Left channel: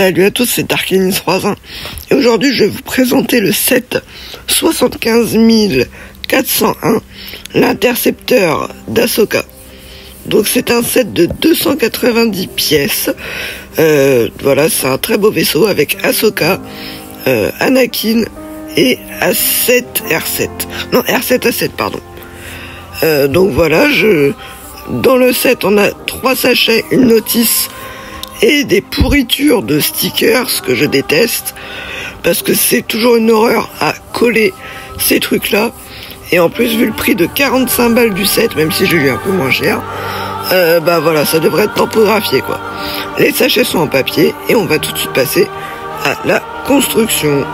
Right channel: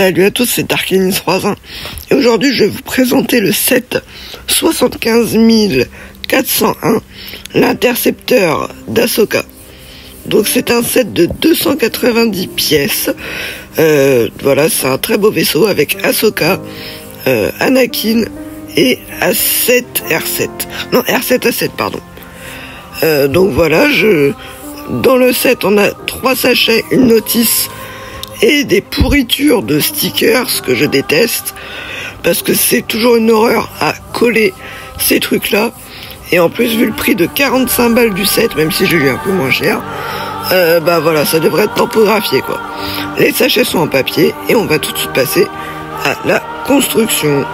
Salut à tous, c'est Darkenis31 et aujourd'hui je vais vous présenter le set 75 401, l'intercepteur d'Ahsoka. Donc c'est un set de 290 pièces, voilà, c'est un très beau vaisseau avec Ahsoka, Anakin et A7 R7, non R7 A7 pardon. Donc voilà, dans le set on a 3 sachets, une notice et des pourritures de stickers que je déteste parce que c'est toujours une horreur à coller ces trucs là, et en plus vu le prix de 45 balles du set, même si j'ai eu un peu moins cher, bah voilà, ça devrait être tampographié quoi. Les sachets sont en papier et on va tout de suite passer à la construction.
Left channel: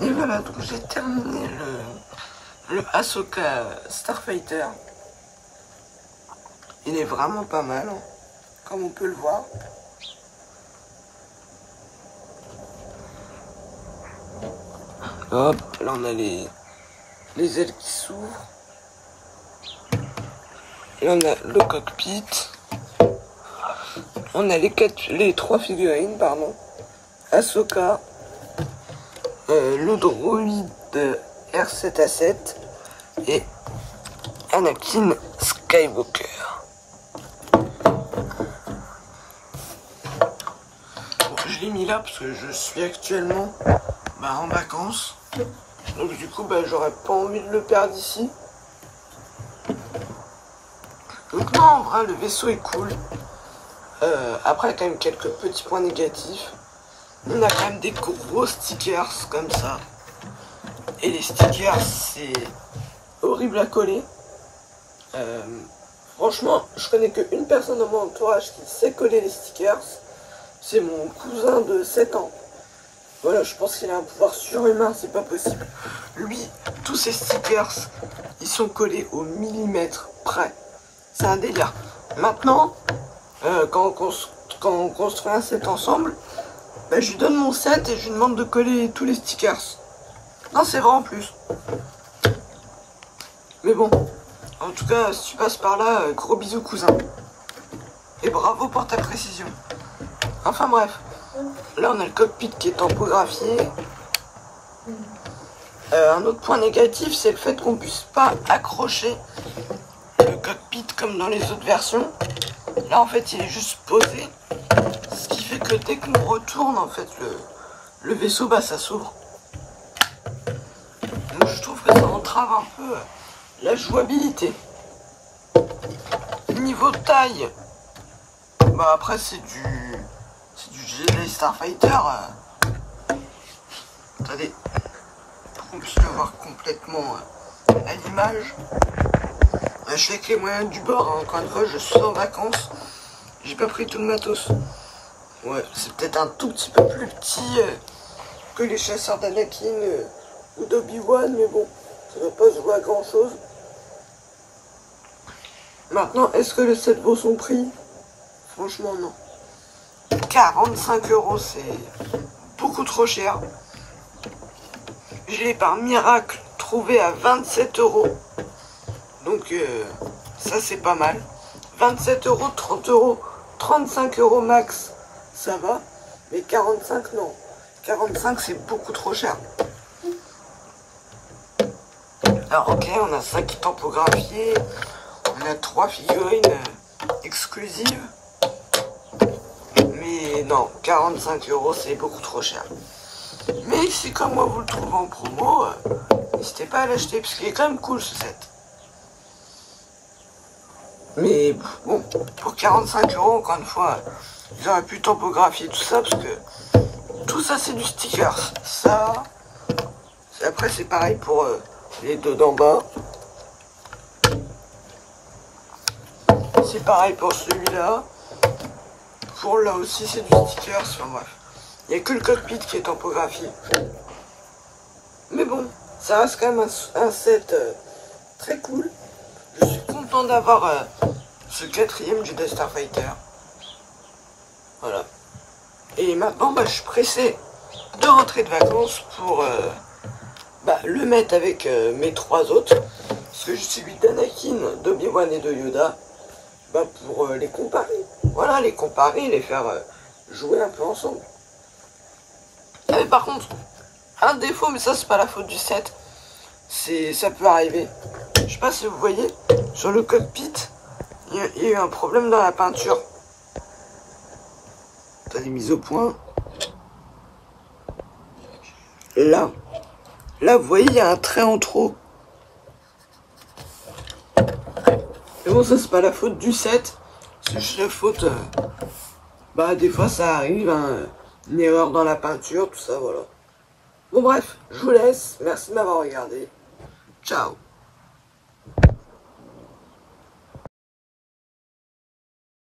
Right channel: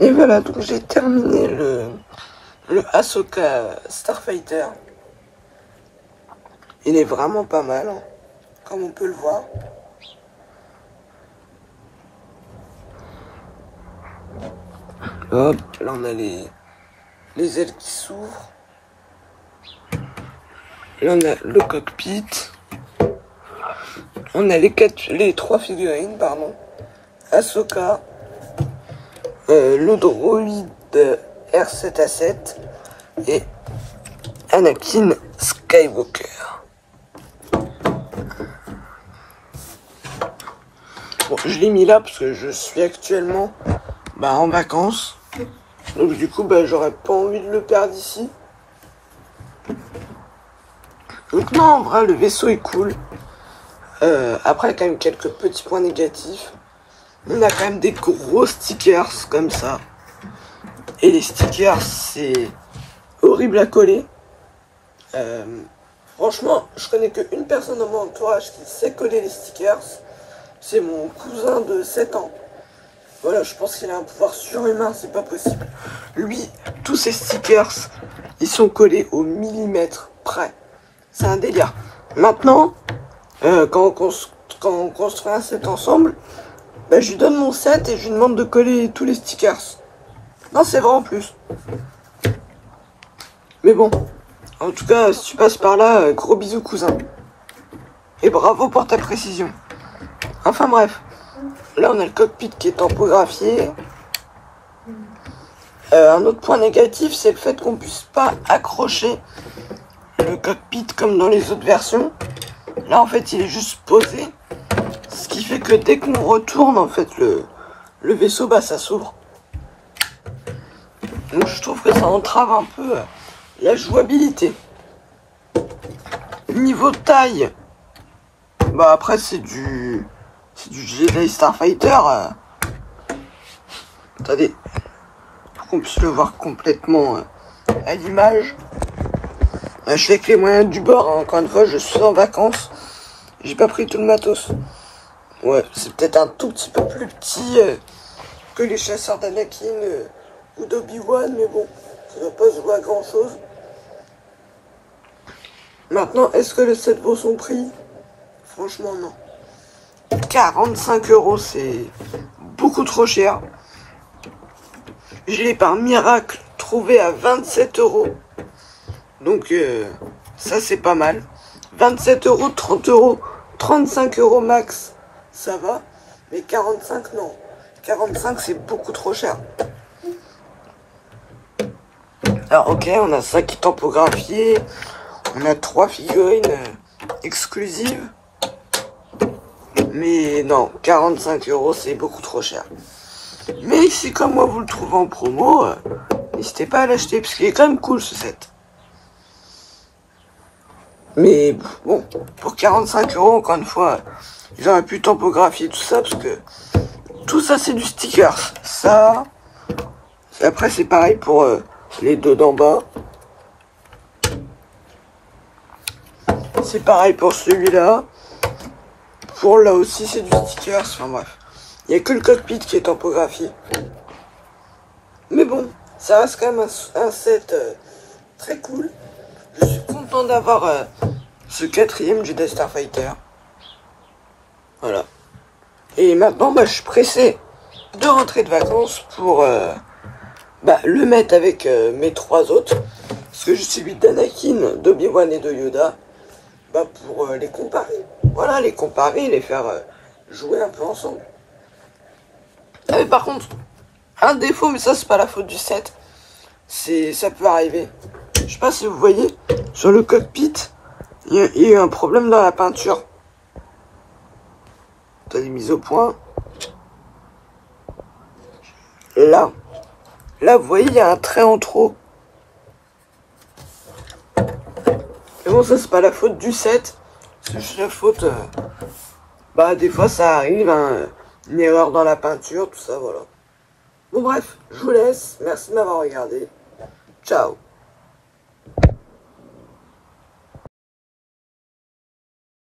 Et voilà, donc j'ai terminé le Ahsoka Starfighter. Il est vraiment pas mal, comme on peut le voir. Hop, là on a les ailes qui s'ouvrent. Là on a le cockpit. On a les 3 figurines, pardon. Ahsoka. Le droïde R7A7 et Anakin Skywalker. Bon, je l'ai mis là parce que je suis actuellement en vacances. Donc du coup j'aurais pas envie de le perdre ici. Donc non, en vrai le vaisseau est cool. Après il y a quand même quelques petits points négatifs. On a quand même des gros stickers comme ça. Et les stickers, c'est horrible à coller. Franchement, je connais qu'une personne dans mon entourage qui sait coller les stickers. C'est mon cousin de 7 ans. Voilà, je pense qu'il a un pouvoir surhumain, c'est pas possible. Lui, tous ses stickers, ils sont collés au millimètre près. C'est un délire. Maintenant, quand on construit un set ensemble, je lui donne mon set et je lui demande de coller tous les stickers. Non, c'est vrai en plus. Mais bon, en tout cas, si tu passes par là, gros bisous cousin. Et bravo pour ta précision. Enfin bref, là on a le cockpit qui est tampographié. Un autre point négatif, c'est le fait qu'on puisse pas accrocher le cockpit comme dans les autres versions. Là en fait il est juste posé. Ce qui fait que dès qu'on retourne, en fait, le vaisseau, ça s'ouvre. Donc je trouve que ça entrave un peu la jouabilité. Niveau taille, après c'est du Jedi Starfighter. Attendez, pour qu'on puisse le voir complètement à l'image. Je fais avec les moyens du bord, hein. Encore une fois, je suis en vacances. J'ai pas pris tout le matos. Ouais, c'est peut-être un tout petit peu plus petit que les chasseurs d'Anakin ou d'Obi-Wan, mais bon, ça va pas se voir grand chose. Maintenant, est-ce que le set vaut son prix? Franchement, non. 45 €, c'est beaucoup trop cher. Je l'ai par miracle trouvé à 27 €. Donc, ça c'est pas mal. 27 €, 30 €, 35 € max. Ça va, mais 45 non. 45 c'est beaucoup trop cher. Alors ok, on a ça qui est tampographié. On a 3 figurines exclusives. Mais non, 45 € c'est beaucoup trop cher. Mais si comme moi vous le trouvez en promo, n'hésitez pas à l'acheter parce qu'il est quand même cool ce set. Mais bon, pour 45 € encore une fois, ils auraient pu tampographier tout ça parce que tout ça c'est du stickers. Ça, après c'est pareil pour les deux d'en bas. C'est pareil pour celui-là. Pour là aussi c'est du stickers. Enfin bref, il n'y a que le cockpit qui est tampographié. Mais bon, ça reste quand même un set très cool. Je suis content d'avoir ce 4e Jedi Starfighter. Voilà. Et maintenant, je suis pressé de rentrer de vacances pour le mettre avec mes 3 autres. Parce que je suis celui d'Anakin, d'Obi-Wan et de Yoda. Pour les comparer. Voilà, les comparer, les faire jouer un peu ensemble. Mais par contre, un défaut, mais ça c'est pas la faute du set. Ça peut arriver. Je sais pas si vous voyez, sur le cockpit, il y a eu un problème dans la peinture. T'as des mises au point. Là, vous voyez, il y a un trait en trop. Mais bon, ça c'est pas la faute du set. C'est juste la faute. Des fois ça arrive, hein, une erreur dans la peinture, tout ça, voilà. Bon bref, je vous laisse. Merci de m'avoir regardé. Ciao.